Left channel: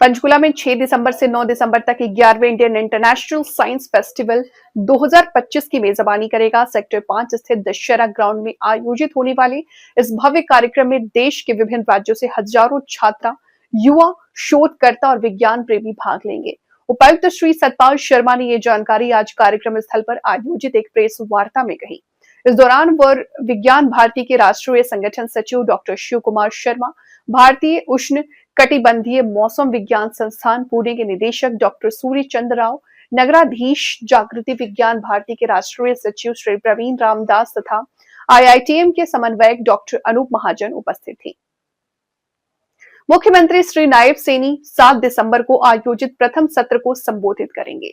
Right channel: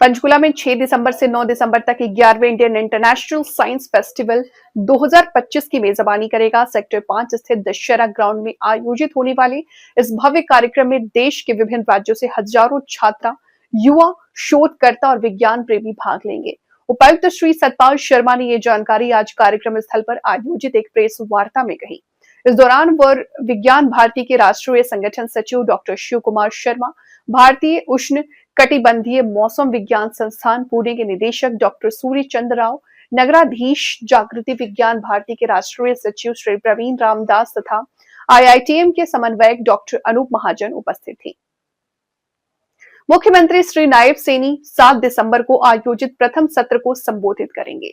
पंचकुला में 6 दिसंबर से 9 दिसंबर तक 11वें इंडियन इंटरनेशनल साइंस फेस्टिवल 2025 की मेजबानी करेगा। सेक्टर 5 स्थित दशहरा ग्राउंड में आयोजित होने वाले इस भव्य कार्यक्रम में देश के विभिन्न राज्यों से हजारों छात्र, युवा, शोधकर्ता और विज्ञान प्रेमी भाग लेंगे। उपायुक्त श्री सतपाल शर्मा ने ये जानकारी आज कार्यक्रम स्थल पर आयोजित एक प्रेस वार्ता में कही। इस दौरान विज्ञान भारती के राष्ट्रीय संगठन सचिव डॉक्टर शिव कुमार शर्मा, भारतीय उष्ण कटिबंधीय मौसम विज्ञान संस्थान पुणे के निदेशक डॉक्टर सूर्य चंद्र राव, नगराधीश जागृति विज्ञान भारती के राष्ट्रीय सचिव श्री प्रवीण रामदास तथा IITM के समन्वयक डॉक्टर अनूप महाजन उपस्थित थे। मुख्यमंत्री श्री नायब सैनी 7 दिसंबर को आयोजित प्रथम सत्र को संबोधित करेंगे।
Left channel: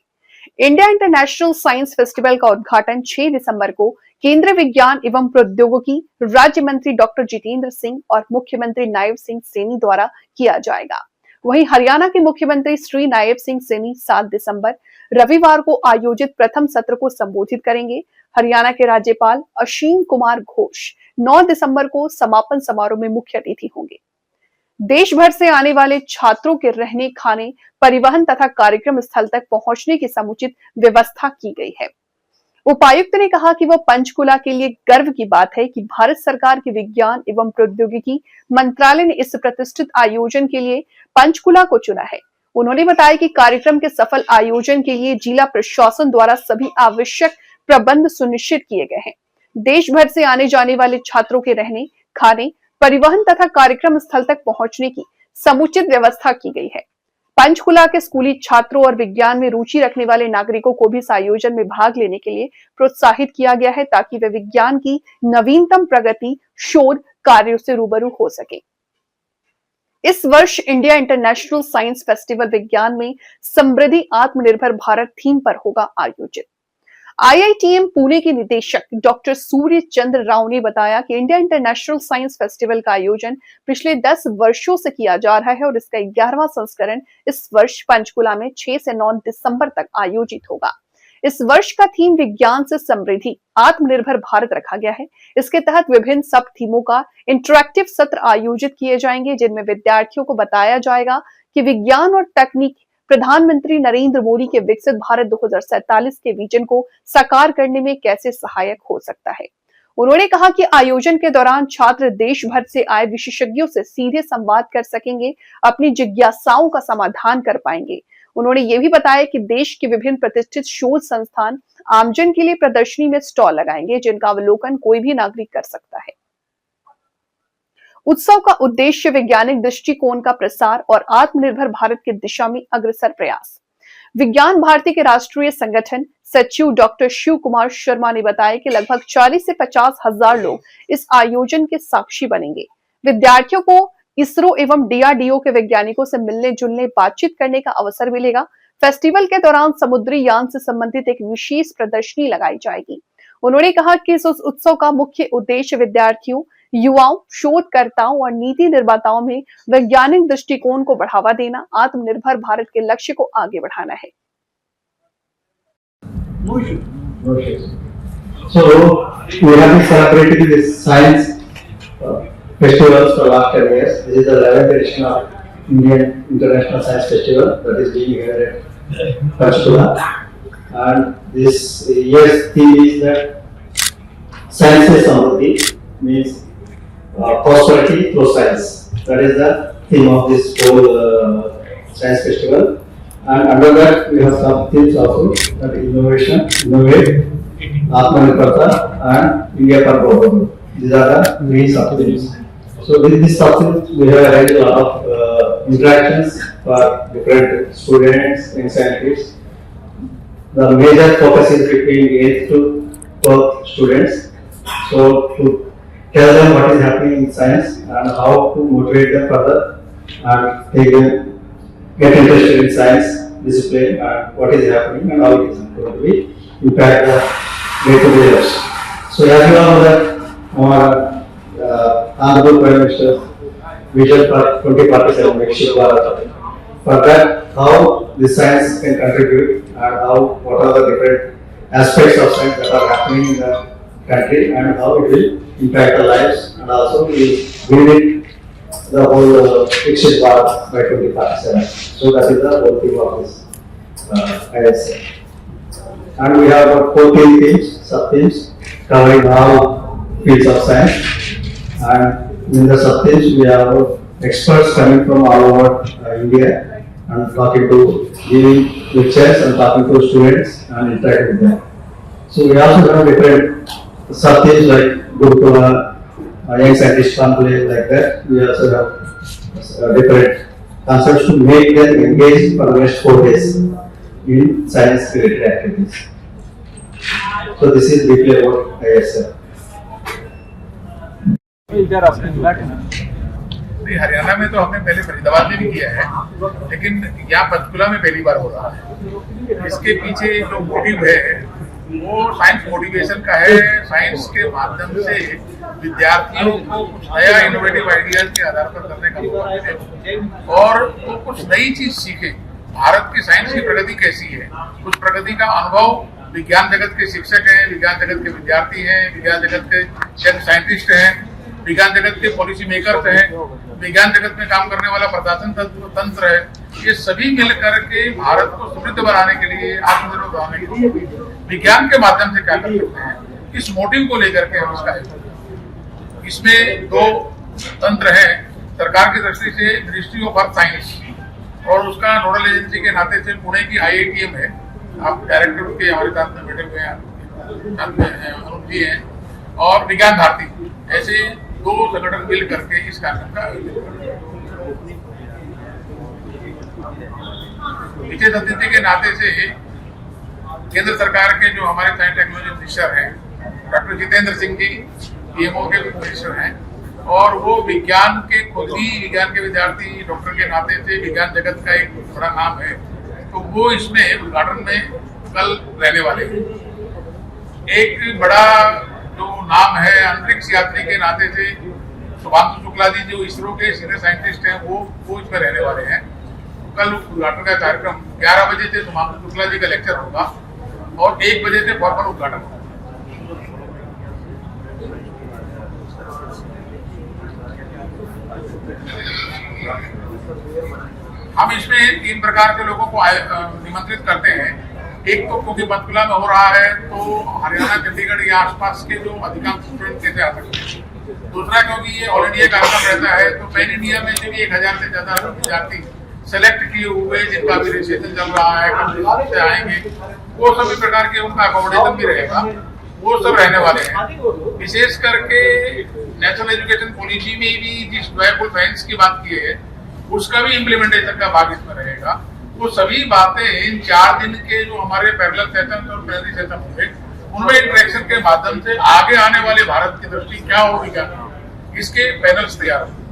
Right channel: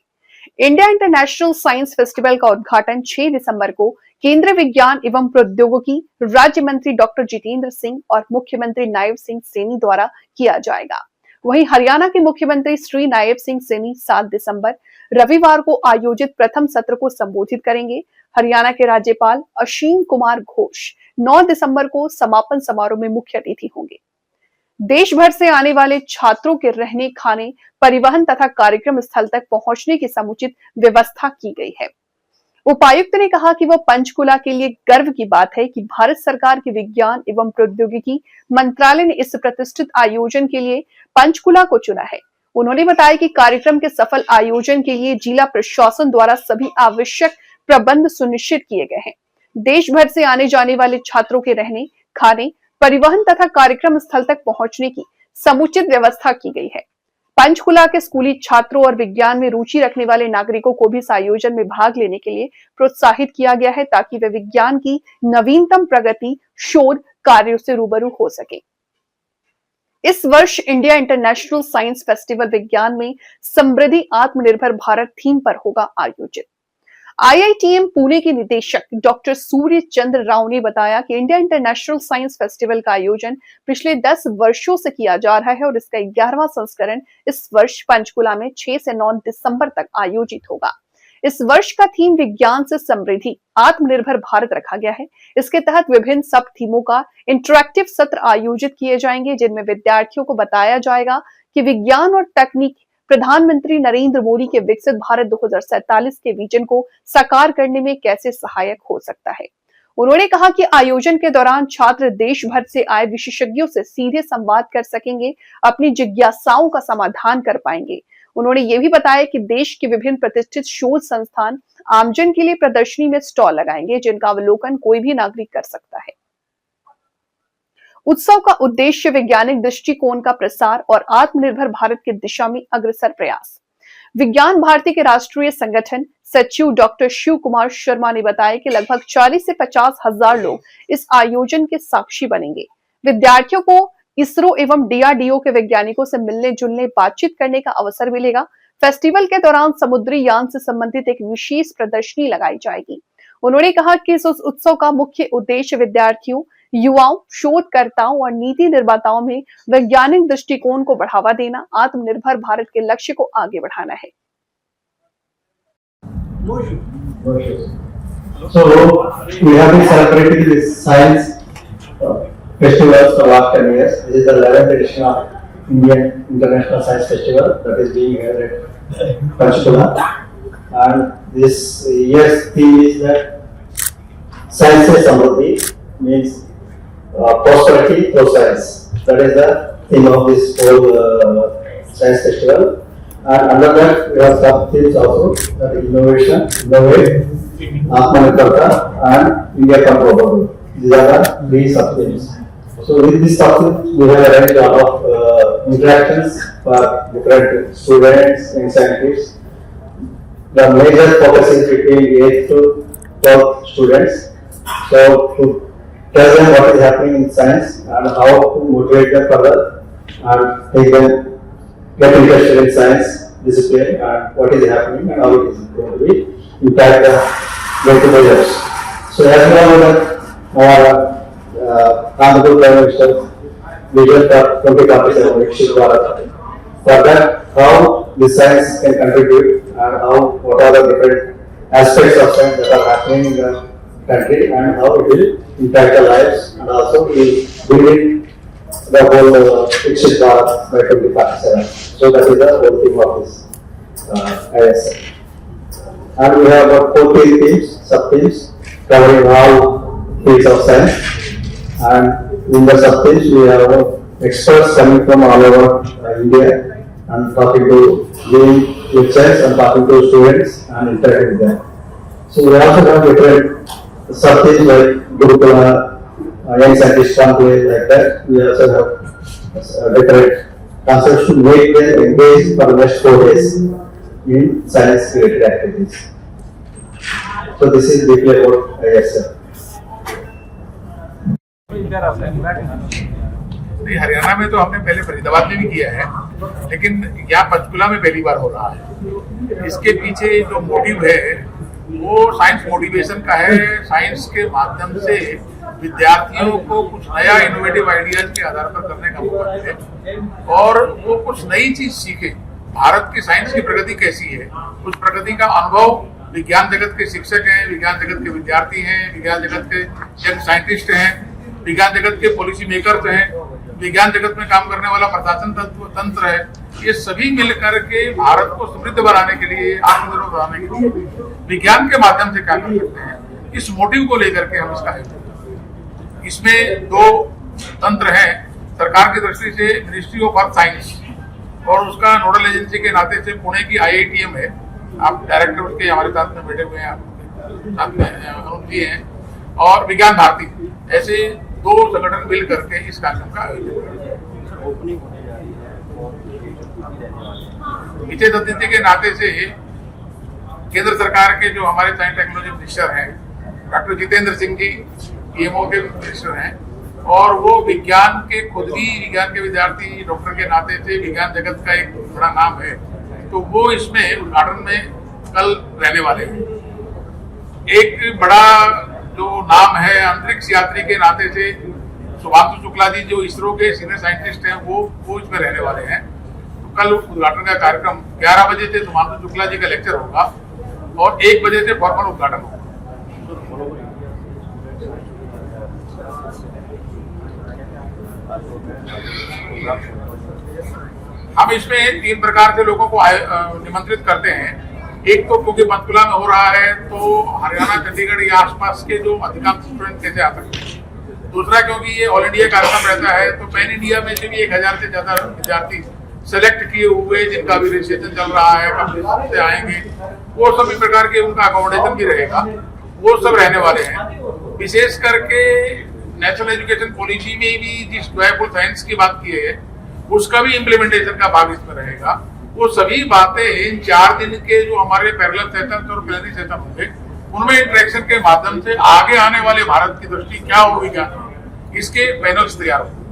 इंडिया इंटरनेशनल साइंस फेस्टिवल का उद्घाटन 6 दिसंबर को केंद्रीय विज्ञान एवं प्रौद्योगिकी राज्य मंत्री डॉक्टर जितेंद्र सिंह और मुख्यमंत्री नायब सिंह सैनी द्वारा किया जाएगा। वहीं हरियाणा के मुख्यमंत्री श्री नायब सिंह सैनी 7 दिसंबर रविवार को आयोजित प्रथम सत्र को संबोधित करेंगे। हरियाणा के राज्यपाल असीम कुमार घोष 9 दिसंबर को समापन समारोह में मुख्य अतिथि होंगे। देश भर से आने वाले छात्रों के रहने, खाने, परिवहन तथा कार्यक्रम स्थल तक पहुंचने की समुचित व्यवस्था की गई है। उपायुक्त ने कहा कि वह पंचकुला के लिए गर्व की बात है कि भारत सरकार के विज्ञान एवं प्रौद्योगिकी मंत्रालय ने इस प्रतिष्ठित आयोजन के लिए पंचकुला को चुना है। उन्होंने बताया कि कार्यक्रम के सफल आयोजन के लिए जिला प्रशासन द्वारा सभी आवश्यक प्रबंध सुनिश्चित किए गए हैं। देश भर से आने जाने वाले छात्रों के रहने, खाने, परिवहन तथा कार्यक्रम स्थल तक पहुंचने की समुचित व्यवस्था की गई है। पंचकुला के स्कूली छात्रों और विज्ञान में रुचि रखने वाले नागरिकों को भी इस आयोजन में भाग लेने के लिए प्रोत्साहित किया गया है ताकि वे विज्ञान की नवीनतम प्रगति, शोध कार्यों से रूबरू हो सके। इस वर्ष इंडिया इंटरनेशनल साइंस फेस्टिवल विज्ञान में समृद्धि आत्मनिर्भर भारत थीम पर होगा आयोजित। IITM पुणे के निदेशक डॉक्टर सूर्य चंद्र राव ने बताया कि इंडिया इंटरनेशनल साइंस फेस्टिवल का आयोजन पिछले 10 वर्षों से किया जा रहा है और इसका 11वां संस्करण इस वर्ष पंचकुला में 6 से 9 दिसंबर तक आयोजित होगा। इस वर्ष का थीम विज्ञान से समृद्धि आत्मनिर्भर भारत रखा गया है। इसके तहत विभिन्न सब थीमों का इंटरैक्टिव सत्र आयोजित किए जाएंगे, जिनमें विद्यार्थियों को बताया जाएगा कि विज्ञान और तकनीक प्रधानमंत्री नरेंद्र मोदी के विकसित भारत 2047 के विजन को साकार करने में कैसे सहायक हो सकता है। उन्होंने कहा कि आयोजन के दौरान छात्र देश भर से आए विशेषज्ञों से सीधे संवाद कर सकेंगे, अपनी जिज्ञासाओं का समाधान कर पाएंगे। उन्होंने ये भी बताया कि देश के विभिन्न प्रतिष्ठित शोध संस्थान आमजन के लिए प्रदर्शनी में स्टॉल लगाएंगे, जिनका अवलोकन कोई भी नागरिक कर सकता है। उत्सव का उद्देश्य वैज्ञानिक दृष्टिकोण का प्रसार और आत्मनिर्भर भारत की दिशा में अग्रसर प्रयास। विज्ञान भारती के राष्ट्रीय संगठन सचिव डॉक्टर शिव कुमार शर्मा ने बताया कि लगभग 40 से 50 हजार लोग इस आयोजन के साक्षी बनेंगे। विद्यार्थियों को इसरो एवं DRDO के वैज्ञानिकों से मिलने जुलने, बातचीत करने का अवसर मिलेगा। फेस्टिवल के दौरान समुद्री यान से संबंधित एक विशेष प्रदर्शनी लगाई जाएगी। उन्होंने कहा कि इस उत्सव का मुख्य उद्देश्य विद्यार्थियों, युवाओं, शोधकर्ताओं और नीति निर्माताओं में वैज्ञानिक दृष्टिकोण को बढ़ावा देना, आत्मनिर्भर भारत के लक्ष्य को आगे बढ़ाना है। So we have been celebrating this science festivals for last 10 years. This is the 11th edition of Indian International Science Festival that is being held at Panchkula. And this year's theme is that science is samruddhi, means prosperity through science. That is the theme of this whole science festival. And under that we have some themes also, that is innovation, innovate, Atmanirbharta and India Come Global. These are the three sub-themes. So with this sub-themes we have arranged a lot of interactions for different students and scientists. The major focus is between 8th to 12th students. So to tell them what is happening in science and how to motivate them further and make them get interested in science discipline and what is happening and how it is going to be impact the day-to-day lives. So as you know that our Honorable Prime Minister's vision for 2047 Viksit Bharat. For that, how the science can contribute and how what are the different aspects of science that are happening in the country and how it will impact our lives and also will build the whole fiction part by 2047. So that is the whole theme of this ISL. And we have about 14 themes, sub-themes, covering all fields of science. And in the sub-themes, we have experts coming from all over India and talking to, giving lectures and talking to students and interacting with them. So we also have different sub-themes like Gurukula, young scientist conclave, like that. We also have different concepts to make them engage for the next 4 days in science-related activities. So this is briefly about ISL. नहीं, हरियाणा में तो हमने पहले फरीदाबाद में भी किया है, लेकिन यहाँ पंचकुला में पहली बार हो रहा है। इसके पीछे जो मोटिव है वो साइंस मोटिवेशन का है। साइंस के माध्यम से विद्यार्थियों को कुछ नया इनोवेटिव आइडियाज के आधार पर करने का मौका मिले और वो कुछ नई चीज सीखे। भारत की साइंस की प्रगति कैसी है, उस प्रगति का अनुभव विज्ञान जगत के शिक्षक हैं, विज्ञान जगत के विद्यार्थी हैं, विज्ञान जगत के यंग साइंटिस्ट हैं, विज्ञान जगत के पॉलिसी मेकर्स हैं, विज्ञान जगत में काम करने वाला प्रशासन तंत्र है, ये सभी मिलकर के भारत को समृद्ध बनाने के लिए, आत्मनिर्भर बनाने के लिए विज्ञान के माध्यम से क्या कर सकते हैं, इस मोटिव को लेकर के हम इसका आयोजन। इसमें 2 तंत्र हैं। सरकार की दृष्टि से मिनिस्ट्री ऑफ अर्थ साइंस और उसका नोडल एजेंसी के नाते से पुणे की IITM है। आप डायरेक्टर उसके हमारे साथ में बैठे हुए हैं, अनुप जी हैं, और विज्ञान भारती, ऐसे 2 संगठन मिल करके इस कार्यक्रम का आयोजन करें। विशेष अतिथि के नाते से केंद्र सरकार के जो हमारे साइंस टेक्नोलॉजी मिनिस्टर हैं, डॉक्टर जितेंद्र सिंह जी PMO के मिनिस्टर हैं, और वो विज्ञान के खुद ही विज्ञान के विद्यार्थी डॉक्टर के नाते से विज्ञान जगत का एक बड़ा नाम है, तो वो इसमें उद्घाटन में कल रहने वाले हैं। एक बड़ा जो नाम है अंतरिक्ष यात्री के नाते से शुभांशु शुक्ला जी जो इसरो के सीनियर साइंटिस्ट हैं, वो इसमें रहने वाले हैं। तो कल उद्घाटन का कार्यक्रम 11 बजे से शुभांशु शुक्ला जी का लेक्चर होगा और 1 बजे से फॉर्मल उद्घाटन होगा। हम इसमें 3 प्रकार के लोगों को निमंत्रित करते हैं। एक तो क्योंकि पंचकुला में हो रहा है तो हरियाणा, चंडीगढ़ या आसपास के जो अधिकांश स्टूडेंट कैसे आ सकते हैं। दूसरा, क्योंकि ये ऑल इंडिया कार्यक्रम रहता है तो पैन इंडिया में से भी 1000 से ज्यादा विद्यार्थी सेलेक्ट किए हुए, जिनका भी रजिस्ट्रेशन चल रहा है, कंपनी से आएंगे, वो सभी प्रकार के उनका अकोमोडेशन भी रहेगा, वो सब रहने वाले हैं। विशेष करके नेशनल एजुकेशन पॉलिसी में भी जिस ड्राइवफुल साइंस की बात की है उसका भी इम्प्लीमेंटेशन का भाग इसमें रहेगा। वो सभी बातें इन 4 दिन के जो हमारे पैरेलल सेशन और प्लेनरी सेशन होंगे उनमें इंटरेक्शन के माध्यम से आगे आने वाले भारत की दृष्टि क्या होगी, क्या इसके पैनल्स तैयार होंगे।